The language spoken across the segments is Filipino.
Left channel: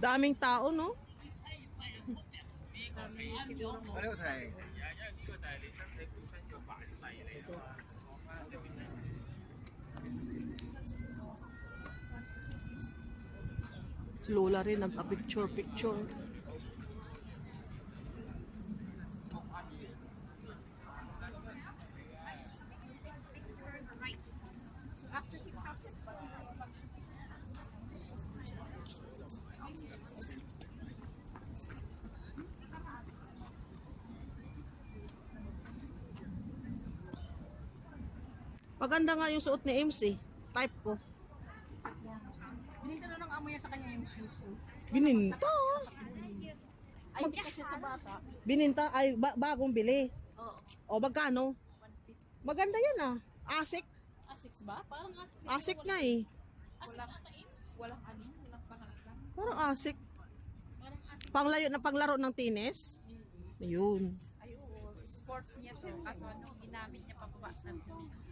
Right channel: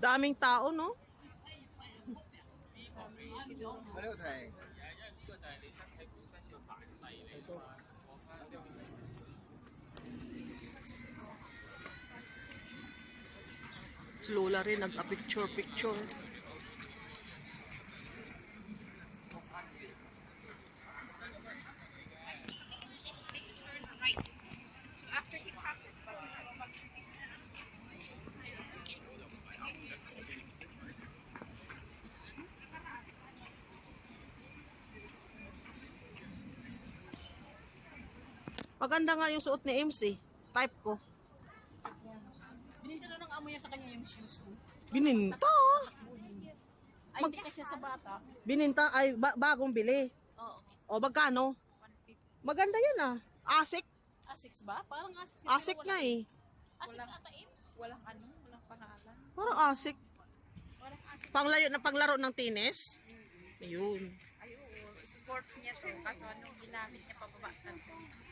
Daming tao, no? Ano? Si Lola rin nagpa-picture-picture. picture Maganda nga yung suot ni MC. Type ko. Binintalo ng amo niya sa kanya yung shoes. Bininta. Ay, hindi kasi sa bata. Bininta ay ba- bagong bili. Oo. O magkano? 150. Maganda yan ah. Asik. Asics ba? Parang Asics. Asik nga eh. Asics ata Ames? Walang ano, walang pangalan. Parang asik. Walang Asics. Panglayo na paglaro ng tennis. Ayun. Ay, oo. Sports niya to. Kaso ano.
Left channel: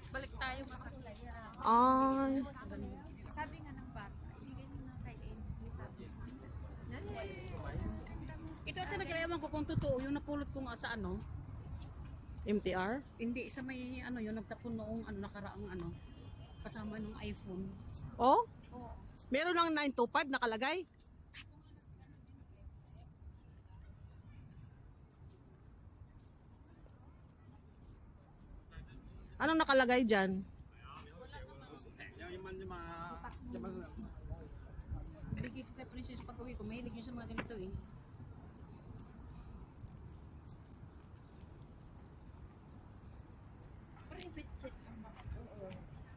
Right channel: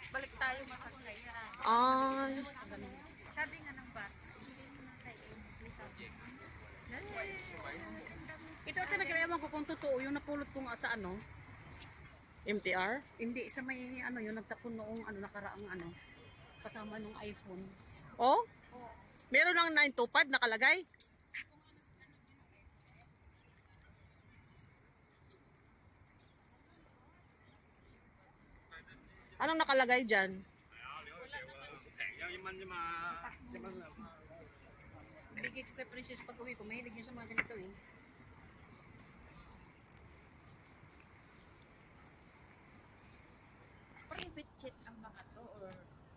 Balik tayo masakaya. Ay. Sabi nga ng bata. Ito talaga ewan ko kung totoo yung napulot ko nga sa ano. MTR? Hindi, sa may ano yung nagtapon noong ano nakaraang ano. Kasama nung iPhone. Oh? Oo. Meron lang 925 nakalagay. Anong nakalagay dyan? Nabigay ko kay Princess pag uwi ko. Mahilig niya sa mga ganito eh. Private jet ang baka to?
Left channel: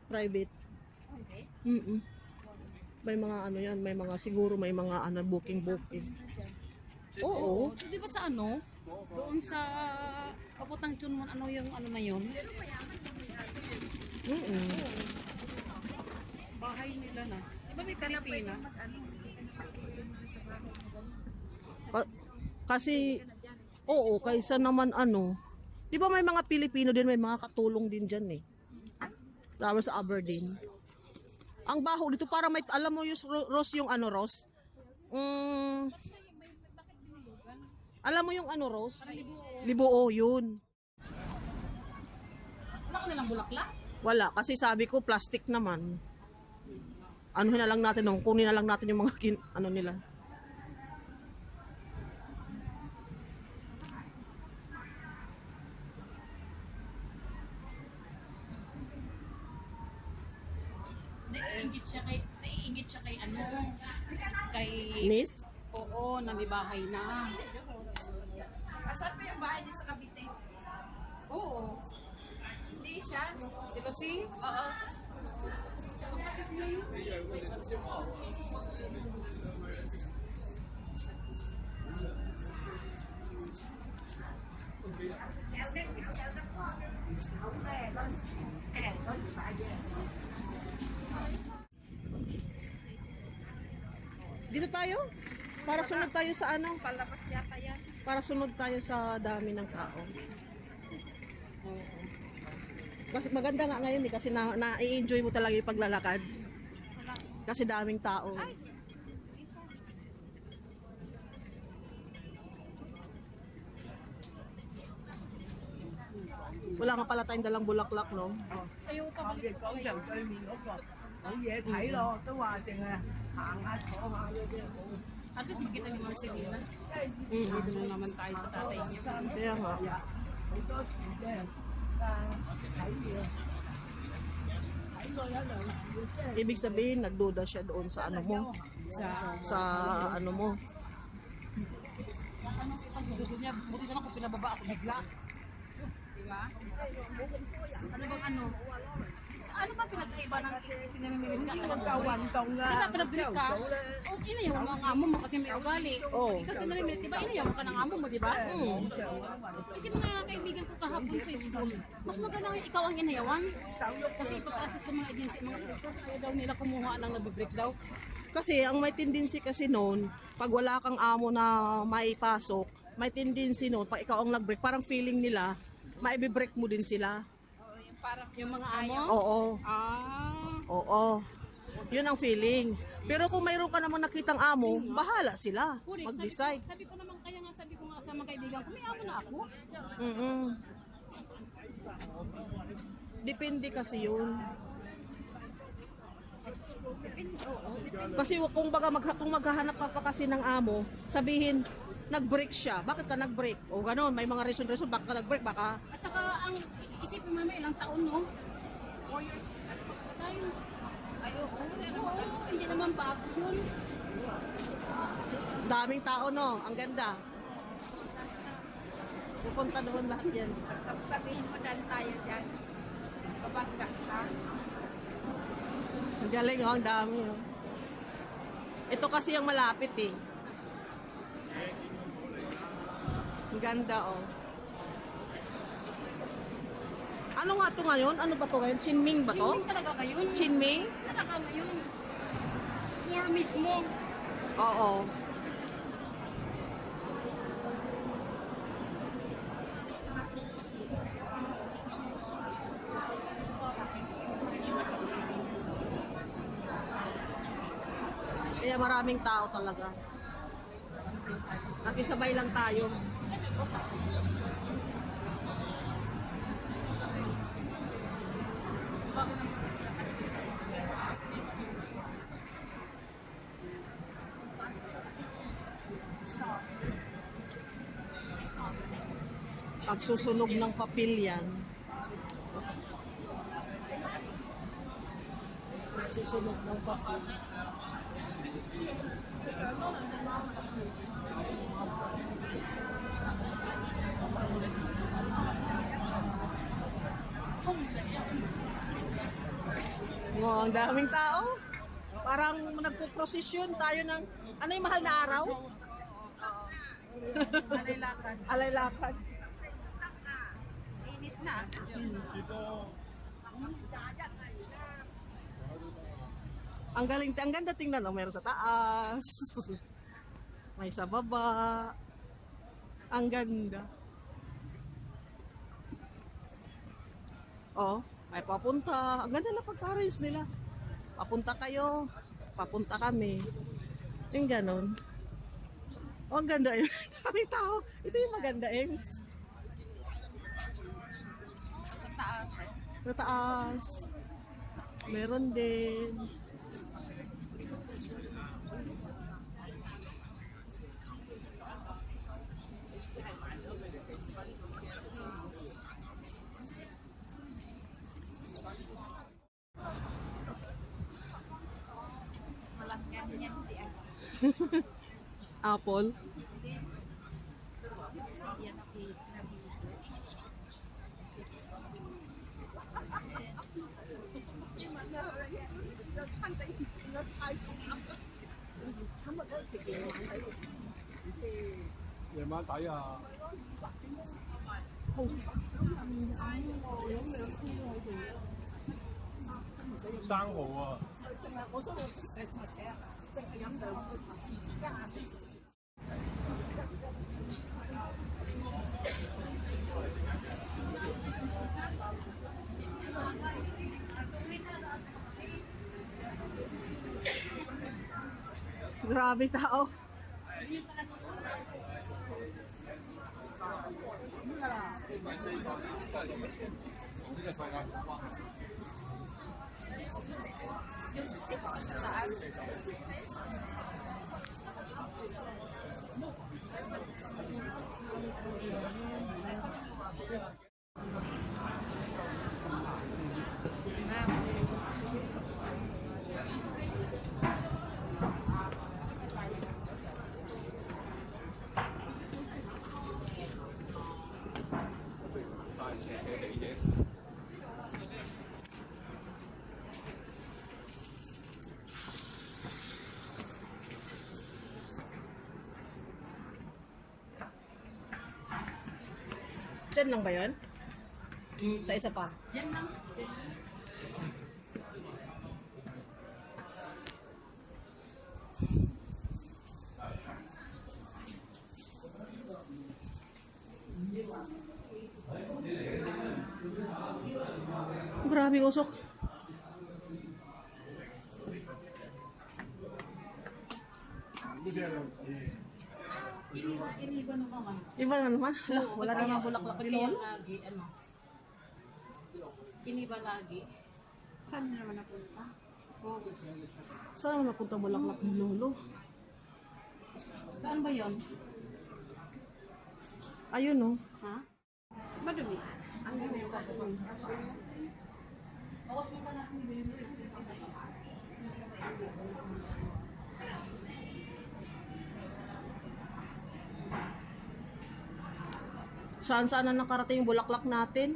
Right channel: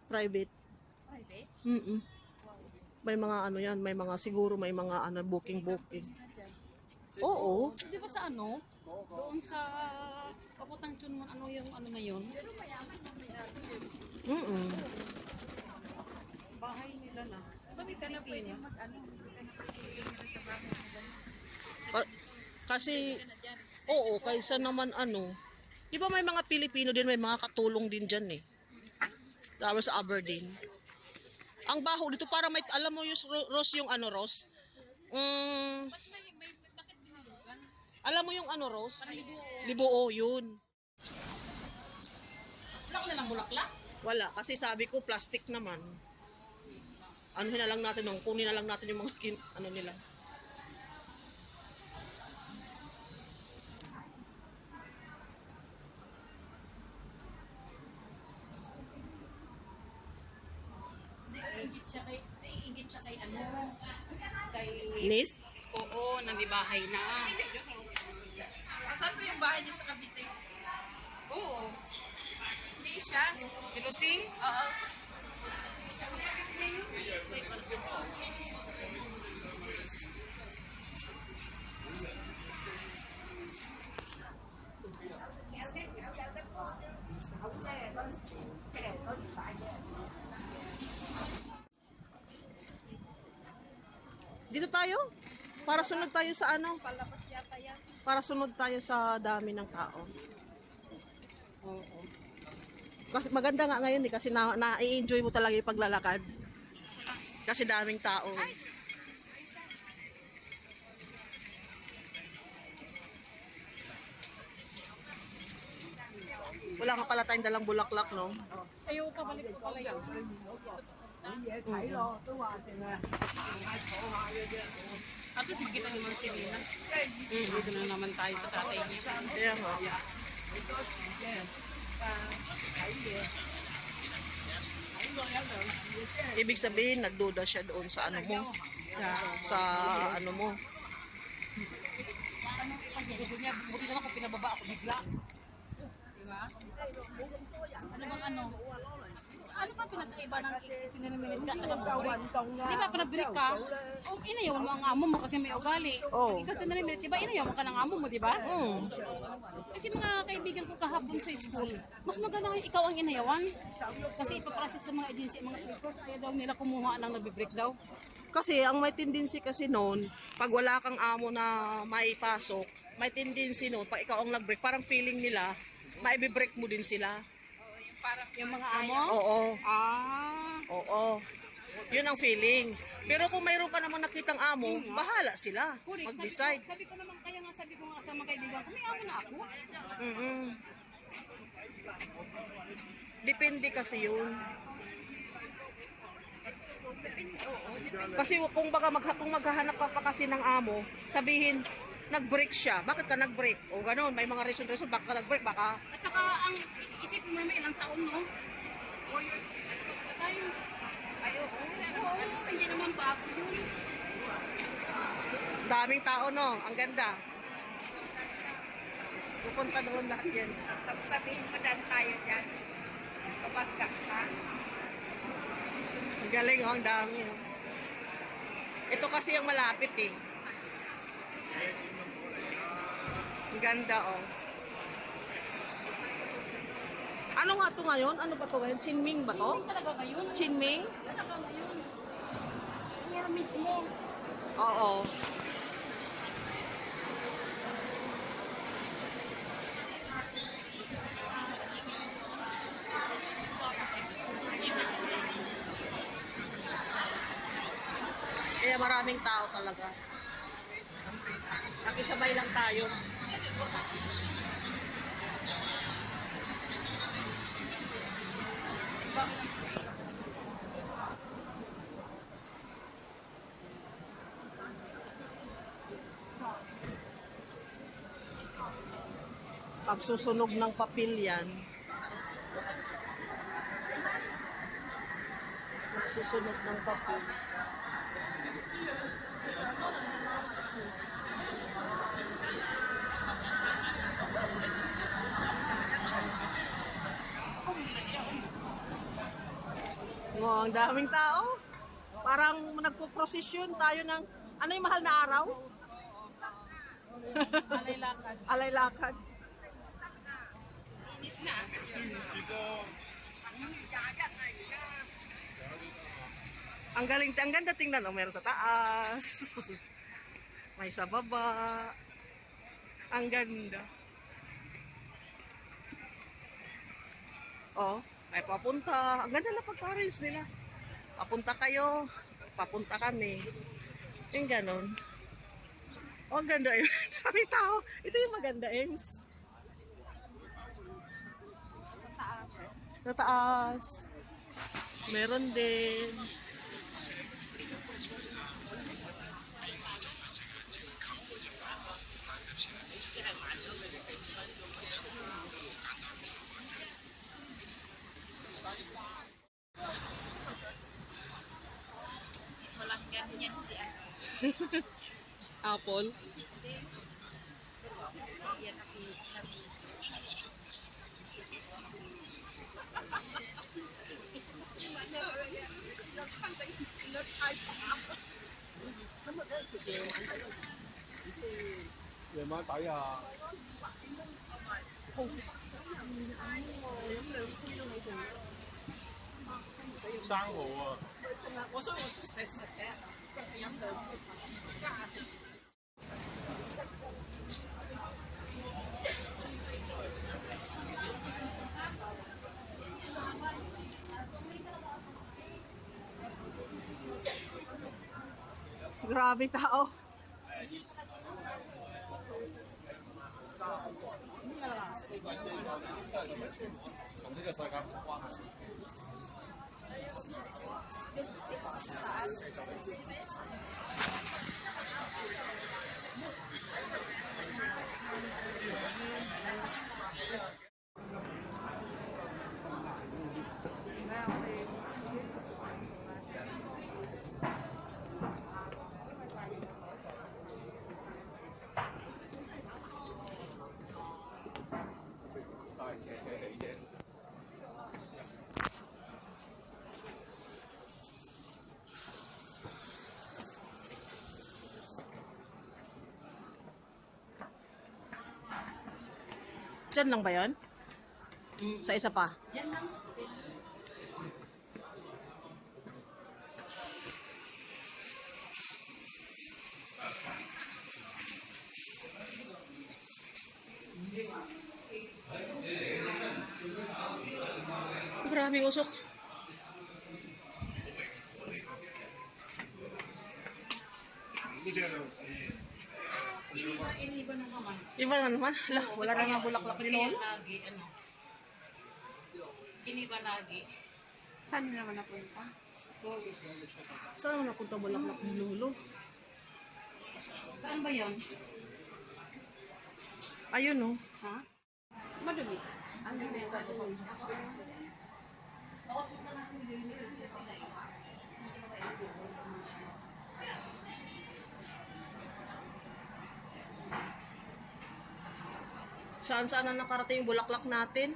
Private. Private? Mm -mm. May mga ano yan, may mga siguro may mga ano, booking booking. Oo. So, di ba sa ano? Doon sa papuntang Chunmon, ano yung ano na yun? Mm Bahay nila na. Di ba may hindi ka na na kasi Ka na dyan. oo, kaysa naman ano. 'Di ba may mga Pilipino din, may mga katulong din diyan eh. Tapos sa Aberdeen. Ang baho dito para may alam mo yung ro- Ross yung ano Ross? Mm, alam mo yung ano Ross? Libuo. Libuo yun. Wala ka nilang bulaklak? Wala kasi sabi ko plastic naman. Ano na lang natin nung kunin na lang natin yung mga kin, ano nila. Naiingit siya kay, naiingit siya kay ano, kay, Nis? oo, na may bahay na. Saan po yung bahay niya sa Cavite? Oo. Hindi siya. Si Lucy? Oo. Dito tayo? Para sunod tayo sa ano? Para sunod tayo sa dami ng tao. Kasi maganda nga ngayon eh, kasi na, na-enjoy mo talaga yung paglalakad. Kasi daming tao. Wala ka pala tayong dalang bulaklak, no? Ayaw ko pabalik ko kayo. At least makita ni Ma'am Selena. Mm -hmm. Dito na naman tayo sa tatay. Kaya nga. Ibig sabihin, nagduda siya doon sa ano mo. Sa, sa ano mo. Anong ipagigido niya? Buti na lang kung pinababa ako bigla. Diba? Ano bang ano? ano ba pinagkaiba ng pinamimilit ka? Tsaka kawan. Di ba pinagdilig ka? Ang inayong mo ang amo mo kasi may ugali. Oo. Ikaw pinamimilit, di ba inayong ka ng amo mo, di ba? Oo. Kasi mga kaibigan ko kahapon sa school, mas maganda nga ikaw ang inayawan. Kasi ipaprocess sa mga agency, mga kaya daw nila kumuha ng nabibreak daw. Kasi ang may tendency kasi noon, pag wala kang amo na maipasok, may tendency noon, pag ikaw ang nag-break, parang feeling nila, maibibreak mo din sila. Parang Yung mga amo? Oo, Ah. oo. Yun ang feeling. Pero kung mayroon ka namang nakitang amo, bahala sila mag-decide. Sabi, ko- sabi ko naman, kaya nga sabi ko nga sa mga kaibigan ko, may amo na ako. mm Depende kasi yun. Kasi kung baga mag, kung maghahanap ka pa kasi ng amo, sabihin, nag-break siya. Bakit ka nag-break? O ganun, may mga reason-reason, baka ka nag-break, baka At saka, ang isipin mo naman, ilang taon, no? Four years. Sa tayo. Ay, oo. Oo, hindi naman bago yun. daming tao, no? Ang ganda. Pupunta doon lahat yan. Tapos sabihin mo dan tayo dyan. Kapagka ka. Ang galing, oh, ang dami. Oh. Ito kasi yung malapit eh. Ganda, oh. Ano nga to ngayon? Ano ba to ngayon? Chinming ba to? Swimming talaga kayo? Chinming? Talaga ngayon. Four mismo. Oo. Kaya maraming tao talaga. Nakisabay lang tayo. Pagsusunog ng papel yan. Pagsusunog ng papel. Wow, ang daming tao. Parang nagpo-prosesyon tayo ng ano yung mahal na araw? Alay lakad. Na. Ang galing, ang ganda tingnan, oh, meron sa taas. May sa baba. Ang ganda. Oh, may papunta. Ang ganda na pagka-arrange nila. Papunta kayo, papunta kami. Yung ganon. Oh, ang ganda yun. Daming tao. Ito yung maganda, Ems. Sa taas. Meron din. Walang ganyan si ano. Apple. 夜晚抵啊！生蚝啊！Grabe tao. Diyan lang ba yun? Sa isa pa? Diyan lang. Diyan lang. Usok. Iba na naman. Hala, wala na nga bulaklak ni Lolo. Lagi, ano. Iniba lagi. Saan nyo naman napunta? Saan napunta bulaklak ni Lolo? Saan ba yon? Ayun oh. Ha? Madumi. Saan saan na nakarating yung bulaklak natin?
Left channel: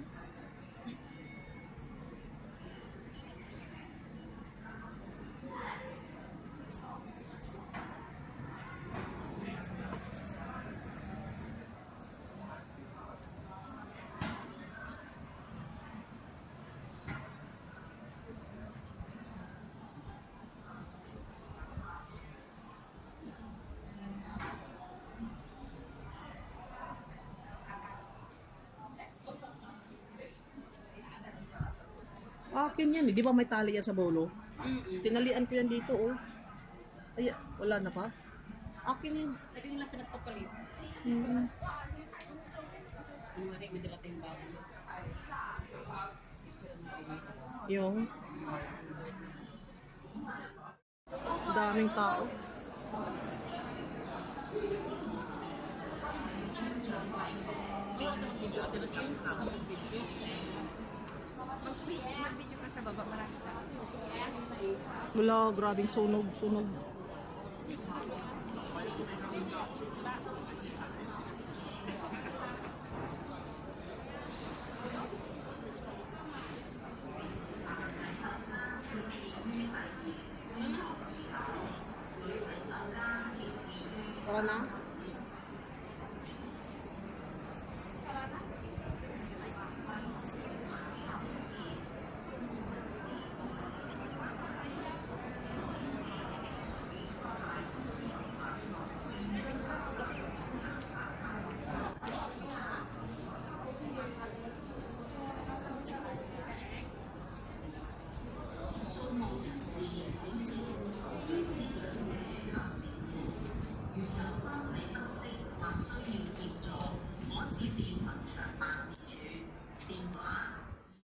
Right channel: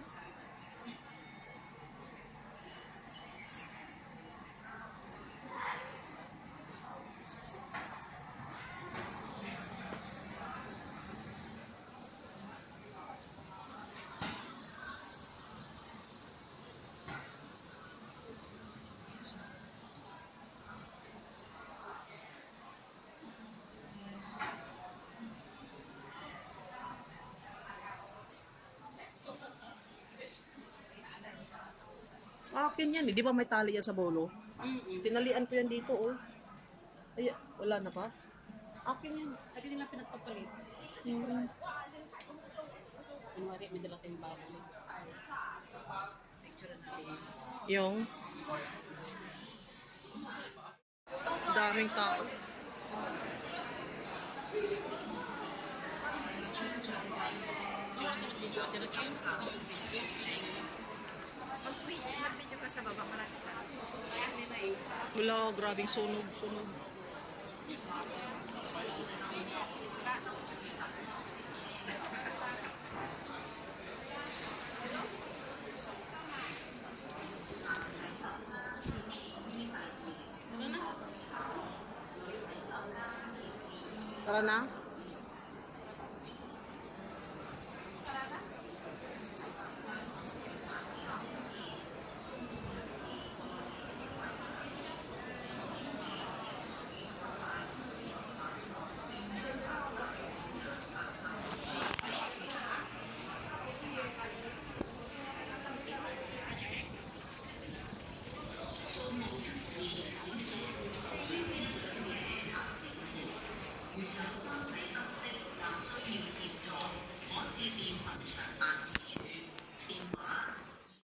Akin yan eh. Di ba may tali yan sa bolo? Mm-mm. Tinalian ko yan dito oh. Ay, wala na pa? Akin yan. Lagi nila pinagpapalit. Mm. Ano wari, may dala tayong bago. Picture. Yung daming tao. Video at. Ako mag-video. Video ka sa baba marami pa. Kaya nila eh. Wala, grabing sunog, sunog. Tara na.